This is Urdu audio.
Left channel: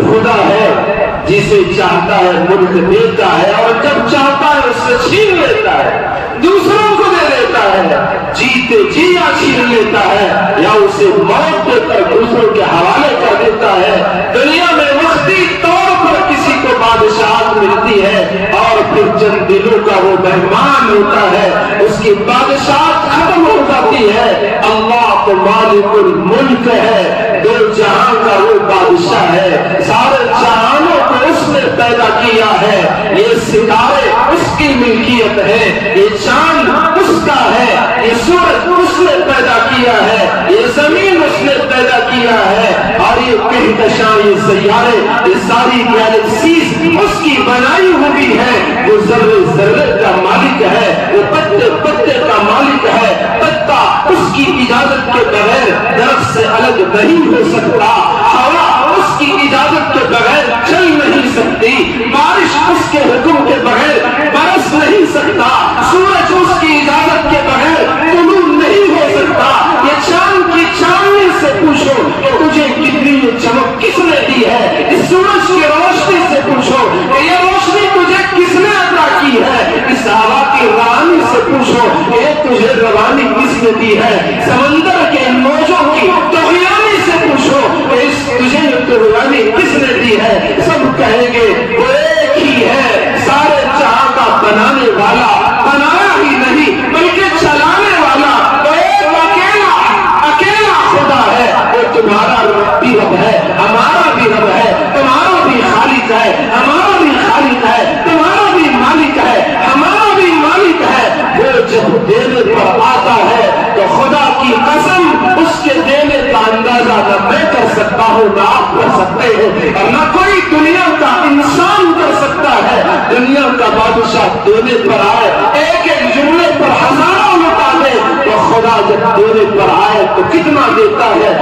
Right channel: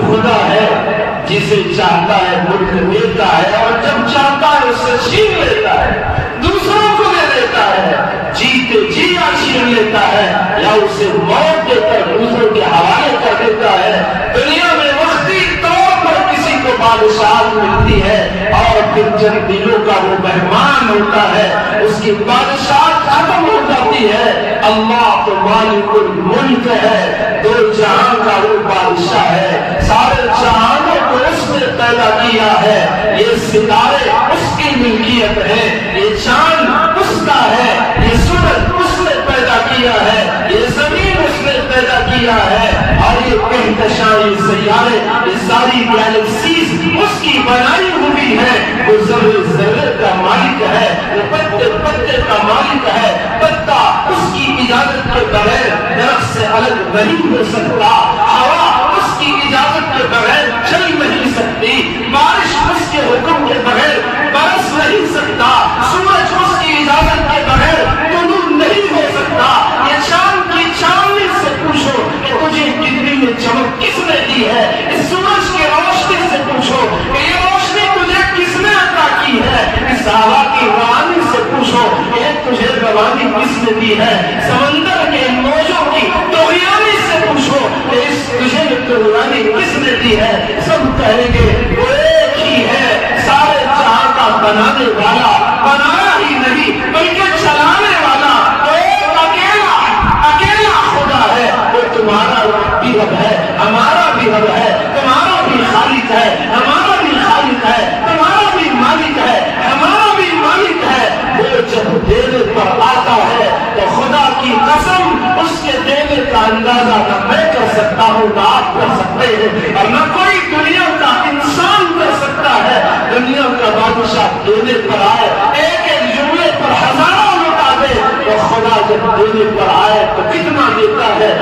خدا ہے جسے چاہتا ہے ملک دیتا ہے اور جب چاہتا ہے اس سے چھین لیتا ہے، دوسروں کو دے دیتا ہے، جیتے جی چھین لیتا ہے یا اسے موت دے کر دوسروں کے حوالے کر دیتا ہے۔ دنیا میں وقتی طور پر کسی کو بادشاہت ملتی ہے اور پھر جن دلوں کا وہ مہمان ہوتا ہے اس کی بادشاہت ختم ہو جاتی ہے۔ اللہ تو مالک الملک ہے، دو جہاں کا وہ بادشاہ ہے، سارے جہانوں کو اس نے پیدا کیا ہے، یہ ستارے اس کی ملکیت ہے، یہ چاند اس کا ہے، یہ سورج اس نے پیدا کیا ہے، یہ زمین اس نے پیدا کیا ہے، اور یہ کہکشاں، یہ سیارے، یہ ساری گیلیکسیز اس کی بنائی ہوئی ہے۔ وہ ذرے ذرے کا مالک ہے، وہ پتے پتے کا مالک ہے، پتا اس کی اجازت کے بغیر درخت سے الگ نہیں ہو سکتا، ہوا اس کی اجازت کے بغیر چل نہیں سکتی، بارش اس کے حکم کے بغیر برس نہیں سکتا، سورج اس کی اجازت کے بغیر طلوع نہیں ہو سکتا۔ یہ چاند کی چاندنی سے پوچھو کہ تجھے کتنی چمک کس نے دی ہے، اس سورج کی روشنی سے پوچھو کہ یہ روشنی تجھے کس نے عطا کی ہے، اس ہوا کی روانی سے پوچھو کہ تجھے روانی کس نے دی ہے، سمندر کے موجوں کی طغیانی سے پوچھو کہ تجھے طغیانی کس نے دی ہے، سب کہیں گے وہ ایک ہی ہے، سارے جہاں کا بنانے والا، بنایا ہی نہیں بلکہ چلانے والا، وہ ایک اکیلا خدا ہے۔ وہ تمہارا بھی رب ہے، ہمارا بھی رب ہے، تمہارا بھی خالق ہے، ہمارا بھی خالق ہے، تمہارا بھی مالک ہے، ہمارا بھی مالک ہے۔ وہ جب دینے پر آتا ہے تو خدا کی قسم اس کے دینے کا اندازہ نہ میں کر سکتا ہوں، نہ آپ کر سکتے ہیں، اور نہ کوئی دنیا کا انسان کر سکتا ہے۔ دنیا کا بادشاہ دینے پر آئے، ایک ایک جملے پر ہزاروں لوٹا دے، تو خدا جب دینے پر آئے تو کتنا دیتا ہے؟